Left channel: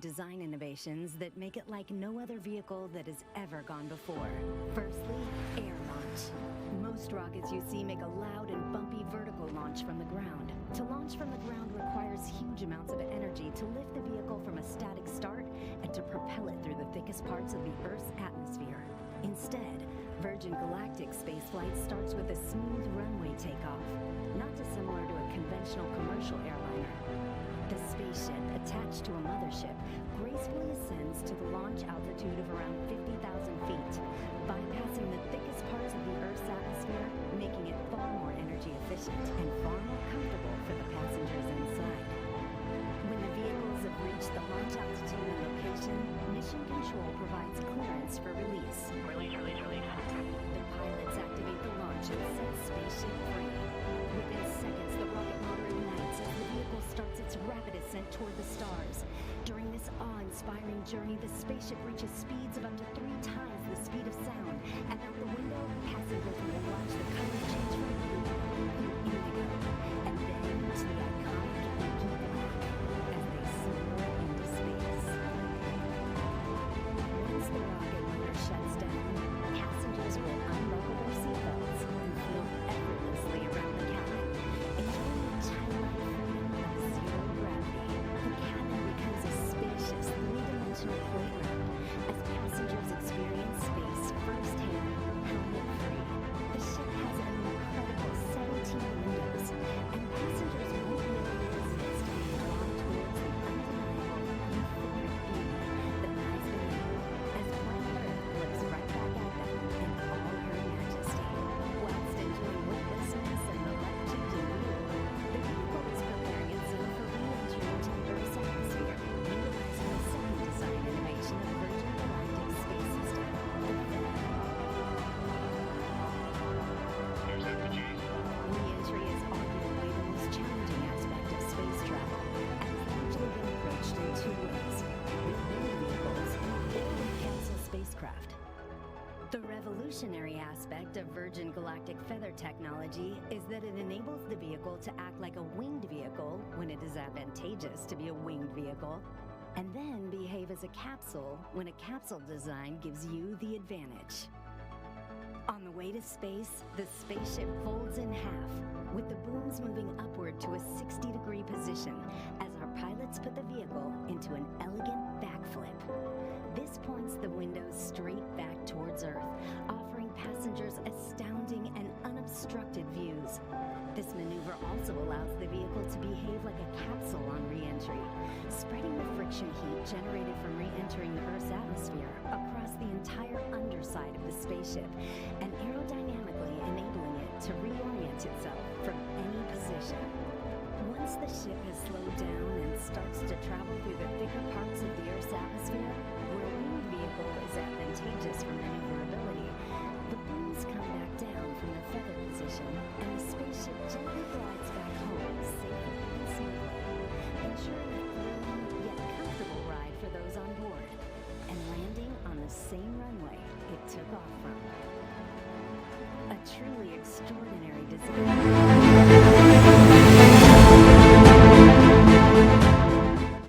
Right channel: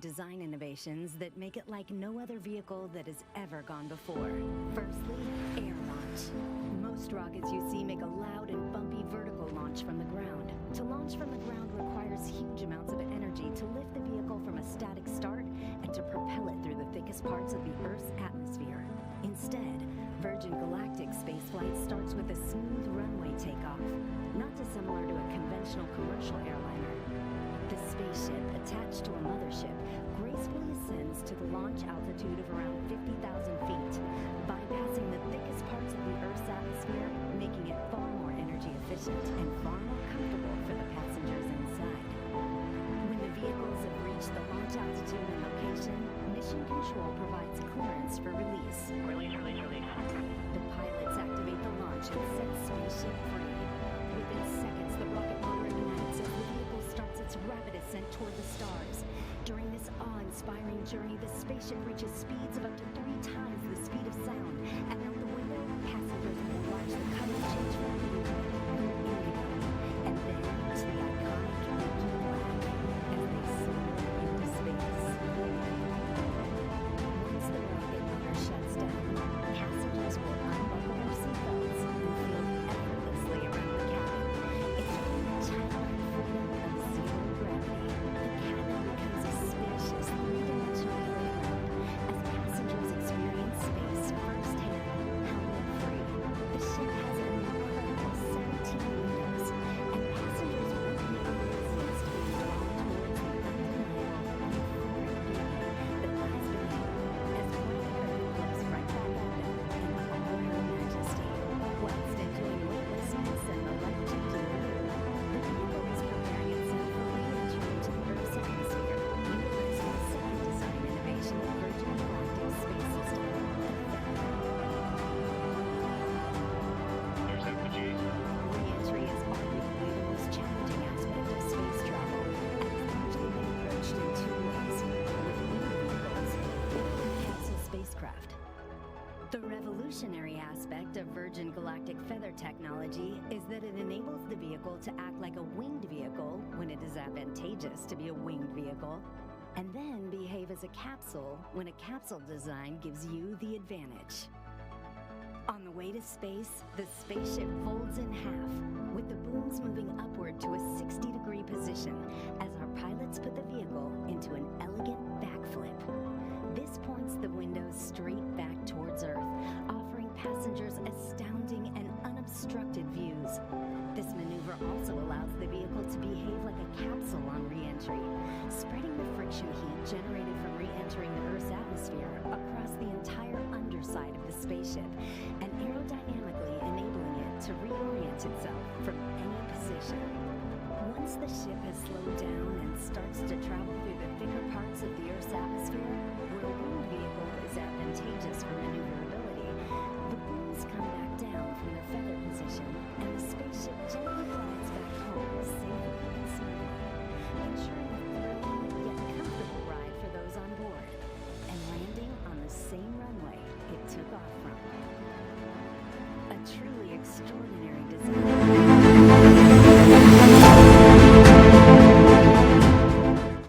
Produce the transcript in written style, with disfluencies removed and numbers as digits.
design innovations that make it like no other vehicle that has ever gone before. Firstly, air launch. Most rockets you see make a loud and bumpy vertical launch from the ground. To launch from the ground requires huge amounts of energy to lift the vehicle from a static start and to propel it through the thickest parts of the Earth's atmosphere. Instead, Virgin Galactic spaceflight starts with a smooth runway takeoff, not dissimilar to a conventional commercial airliner. The spaceship, attached to a mothership, gracefully ascends to the launch altitude of around 50,000 feet, bypassing the thickest parts of the Earth's atmosphere, making it far more energy efficient and far more comfortable for the passengers inside. When the vehicles have reached the launch altitude and location, Mission Control provides clearance for release. Release. The pilots activate the launch and set spaceship free. Within seconds, the rocket motor ignites as the vehicle starts its rapid ascent toward the stars. During this awe-inspiring journey, the spaceship reaches speeds of up to 3 times the speed of sound, and out the window, passengers will watch the color change from blue through indigo, and then to the iconic inky black as they soar into space. Once the rocket motor shuts down, passengers will unbuckle their seatbelts and float effortlessly around the cabin, enjoying the childlike freedom of zero gravity. The cabin becomes a spacious, three-dimensional playground as passengers experience space firsthand, helmet-free. The ship has an incredible 17 windows, and passengers won't know they exist, being drawn towards the undeniable, euphoric beauty that lies beneath, as planet Earth looks right back at them in all her majesty. Whilst enjoying weightlessness and the life-changing view, the vehicle is preparing itself for re-entry into the Earth's atmosphere, utilizing the second design innovation of Virgin Galactic space system, the feather. There's FPG. Re-entry is arguably the most challenging aspect of space travel, and has largely been approached in 2 ways, with winged vehicles or with capsule spacecraft. The revolutionary aspect of Virgin Galactic feather technology is that it enables the vehicle to act like a winged vehicle when it is advantageous to be a winged vehicle, and then behave as a capsule when a capsule design gives you the advantage. On the way to space, the spaceship folds in half, with the booms moving upward to a 60-degree position as our pilots put the vehicle into an elegant backflip. This points the windows straight back towards Earth, offering passengers astounding and unobstructed views. This maneuver also allows the vehicle to behave like a capsule on re-entry, spreading the friction heat generated from re-entering the Earth's atmosphere across the entire underside of the spaceship, and aerodynamically enabling it to reorient itself from any position. Once the ship has slowed down and starts to travel through the thicker parts of the Earth's atmosphere, where a winged vehicle is advantageous for maneuverability, the booms come back down from their feather position, and the spaceship gently glides back home safely and smoothly, ensuring a thrilling yet comfortable ride for those on board, and landing on the same runway it took off from. A truly extraordinary design.